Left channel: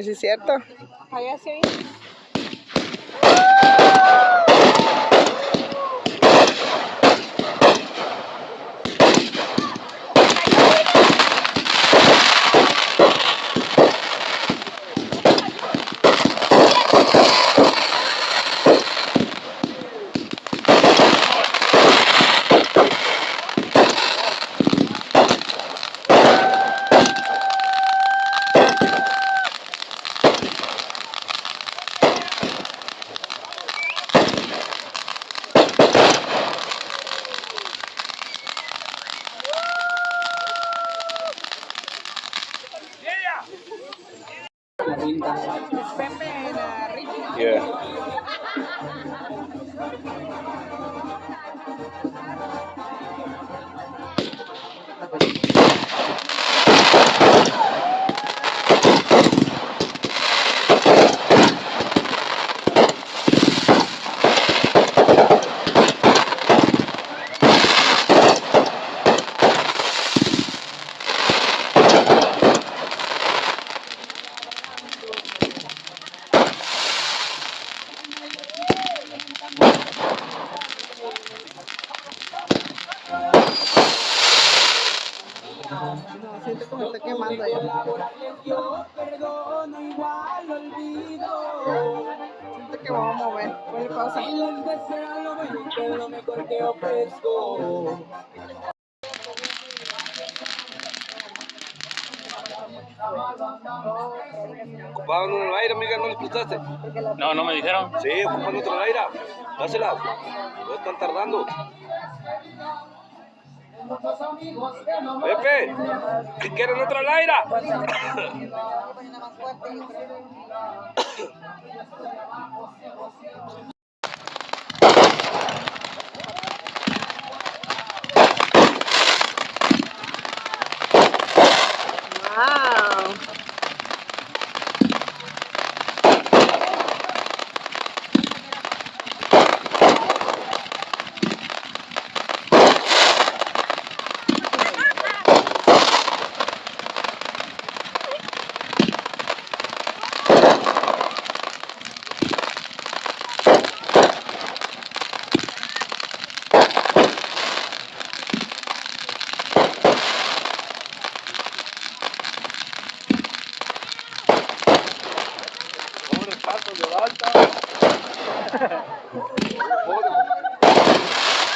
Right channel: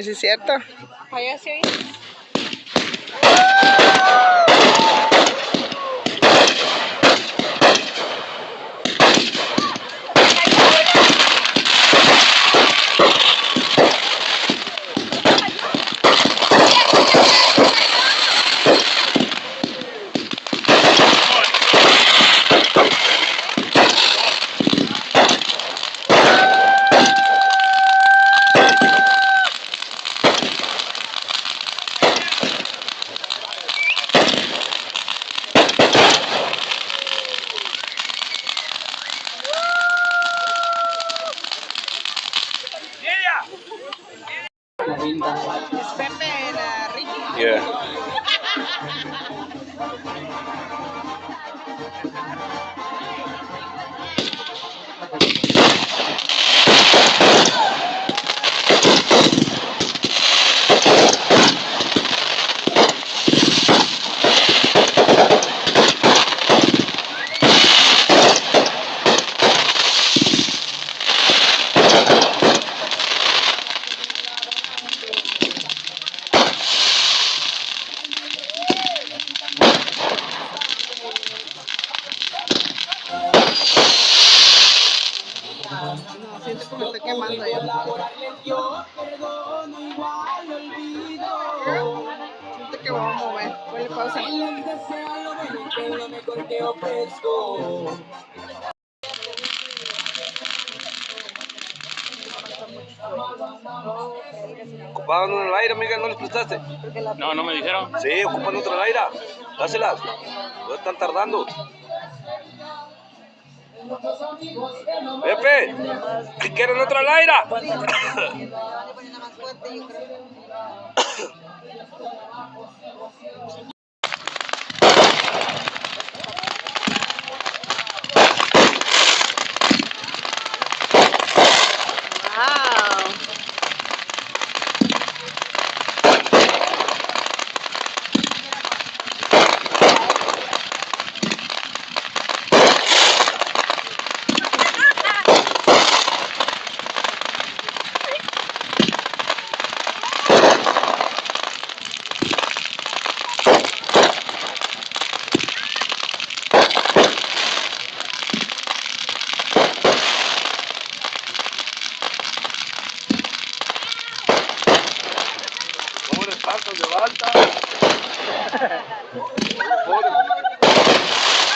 Sí, es cierto. Allá sí. Yeah. Siento que me estoy quemando yo. Siento que vamos a mover. Ponle pausa. Ocupaban una laira, amiga, ¿no les prestaste? No, no me dijeron. Sí, ocupan otra laira. Dáselas. No están tardando. Pepe, ¿qué quieren otra laira?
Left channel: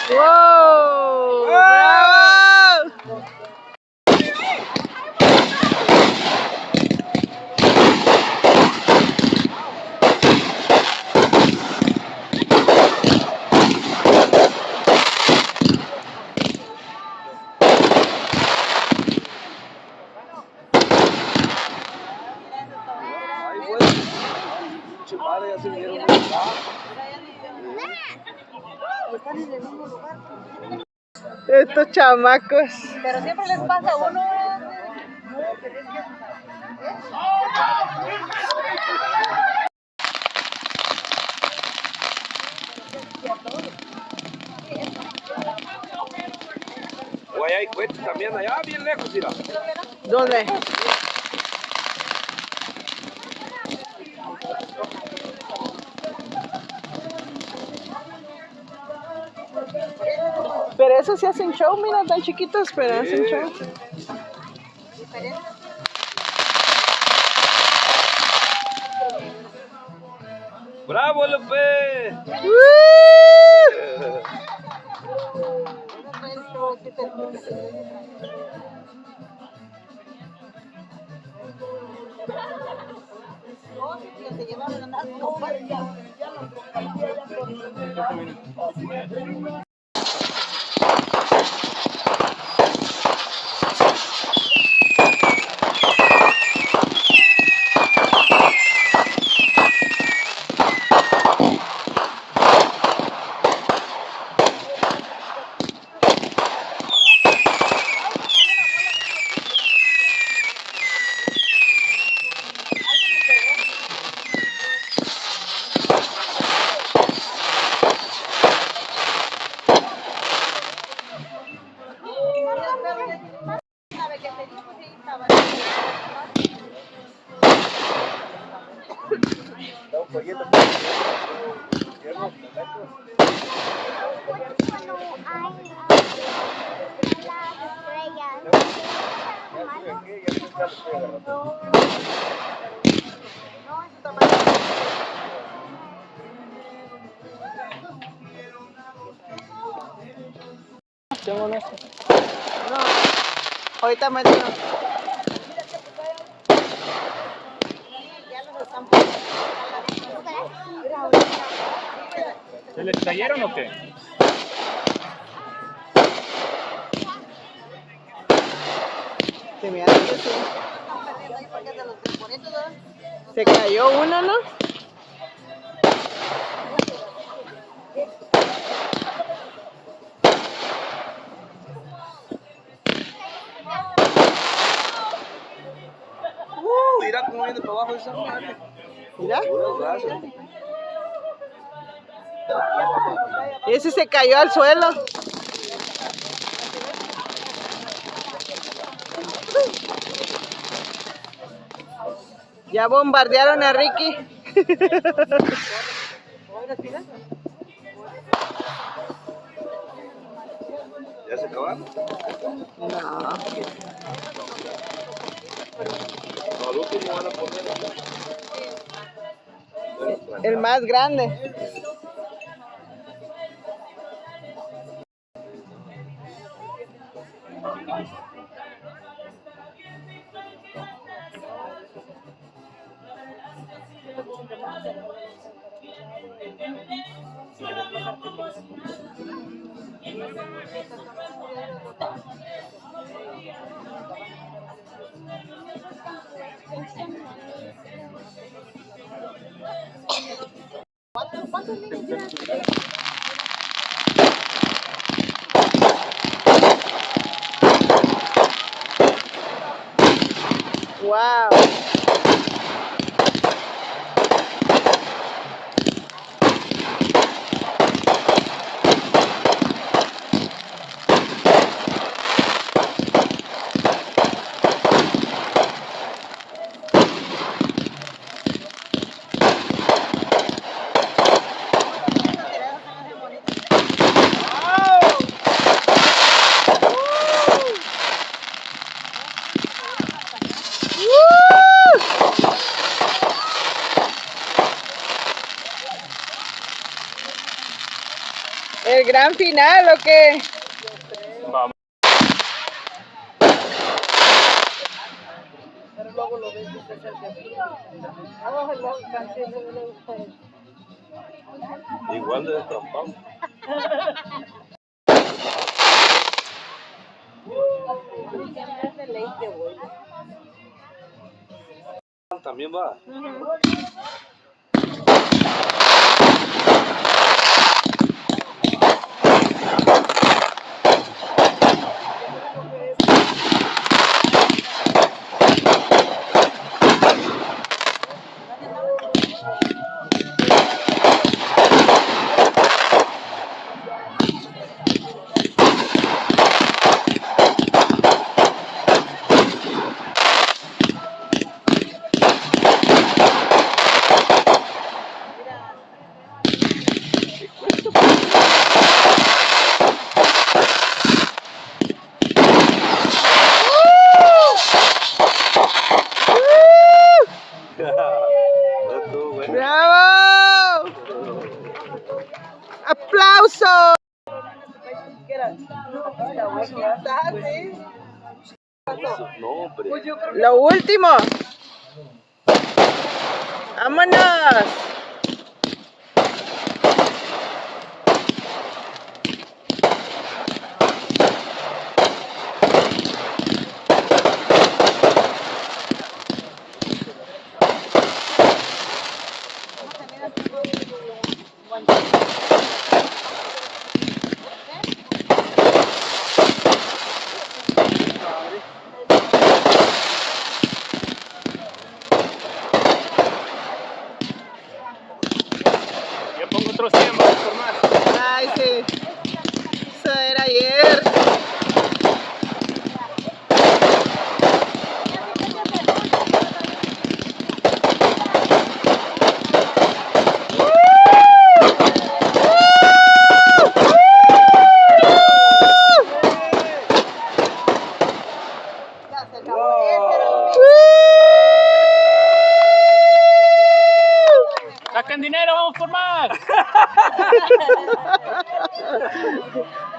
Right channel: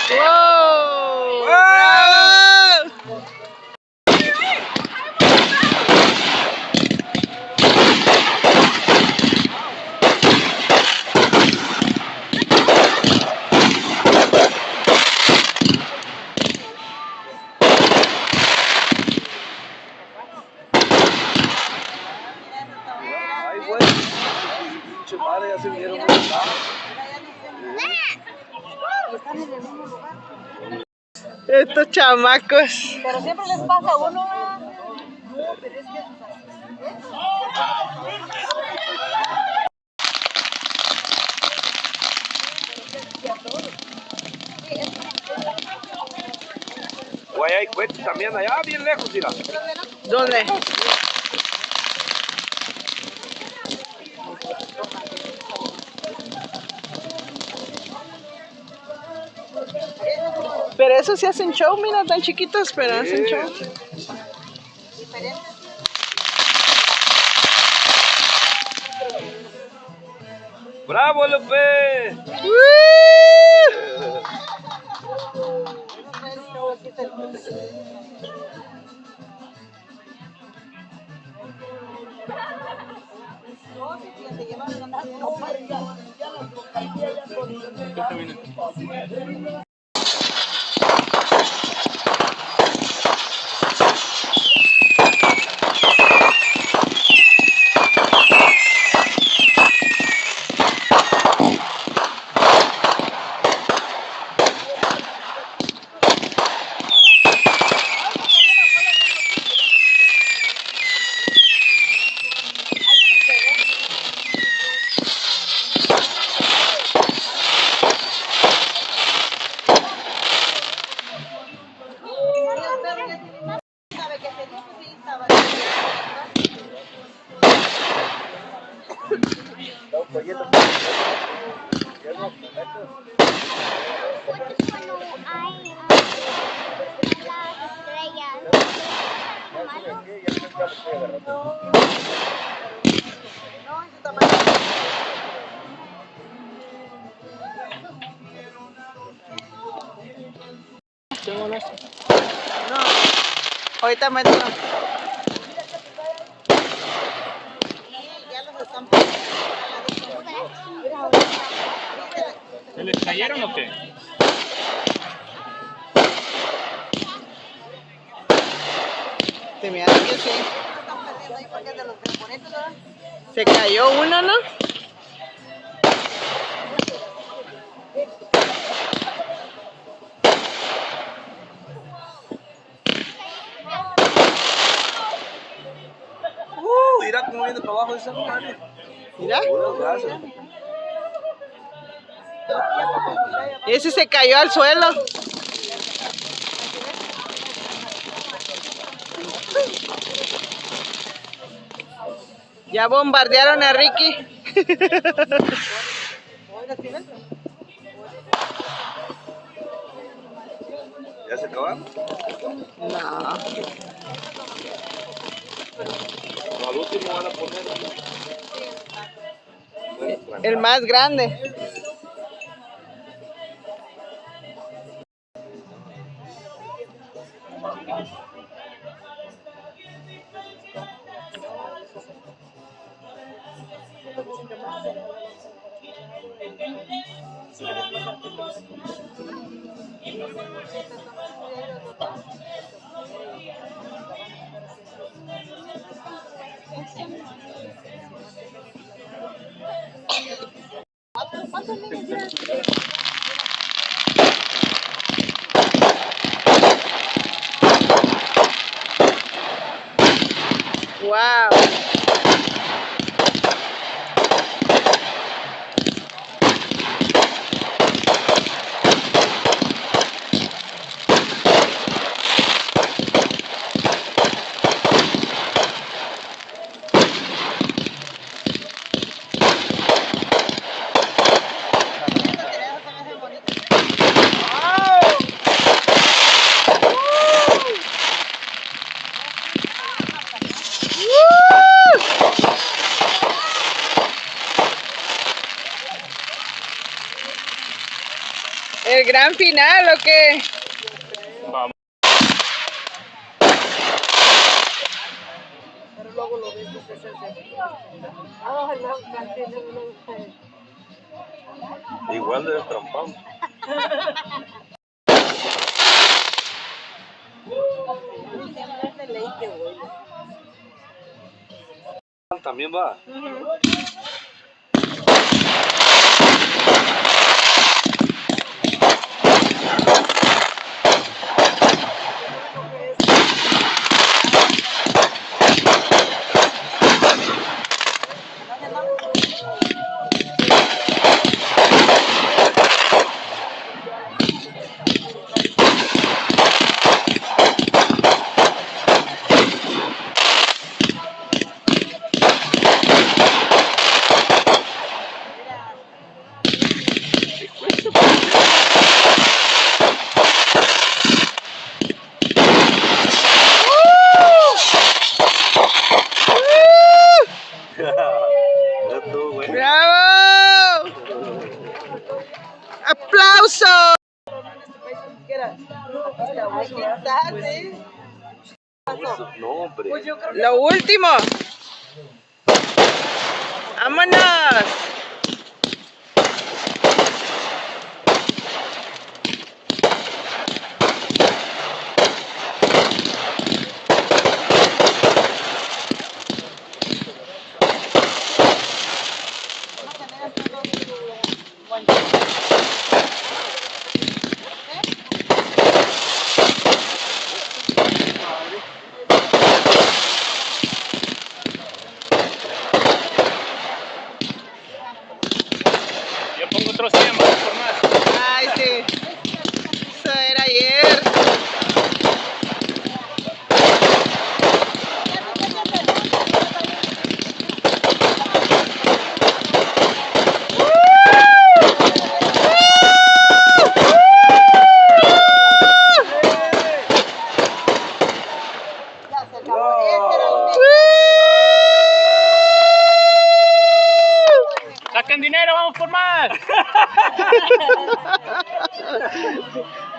¡Wow! ¡Bravo! Chupare, ya se vinieron. Estos chamacos. Pero siempre les pasa a uno. Güey, hay cohetes también allá, bien lejos, mira. ¿Dónde? Pero eso sí hacen show, mira, tan chiquitos, pero hacen show. ¡Bravo, López! No, ahorita mételo. ¿Se les cayeron o qué? Se me hace que sí. Se cayó una, ¿no? Mira cómo viene para abajo esa madre. Mira. Gracias. Y ese se cayó al suelo. Ya bombardearon a Ricky. ¿Ya se acabaron? No. Al último van a poner. El más grande. Wow. ¿El gran final o qué? Vamos. Igual de trampón. También va. ¡Bravo! ¡Aplausos! No, hombre. Lo último. ¡Vámonos!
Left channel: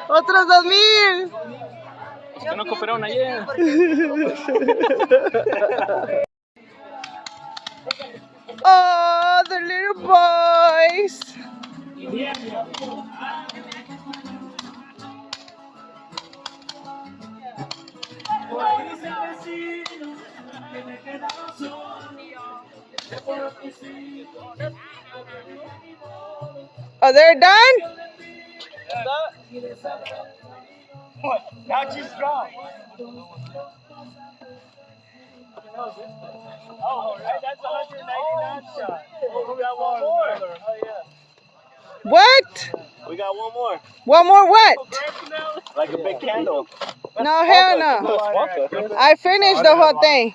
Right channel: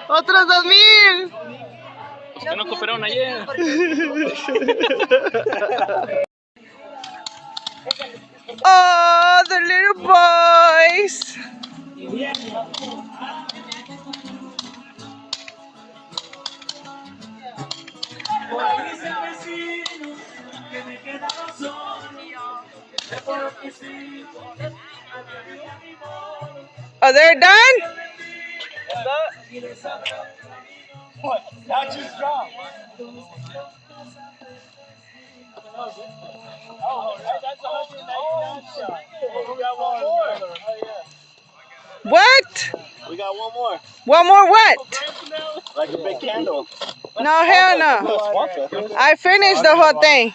Otros 2,000. ¿Por qué no cooperaron ayer? Oh, the little boys. Oh, they're done? What? Now she's strong. Oh, that's a 199 shot. Oh, we got one more. Oh, yeah. What? We got one more. One more what? Like a big candle. No, hell no. I finished the whole thing.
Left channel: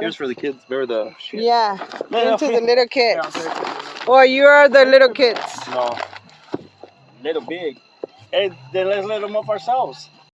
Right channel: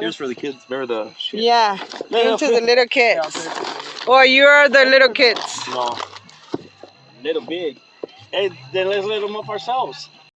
Here's for the kids. They're the. Yeah, into the little kids. Or you're the little kids. No. Little big. Hey, then let's let them up ourselves.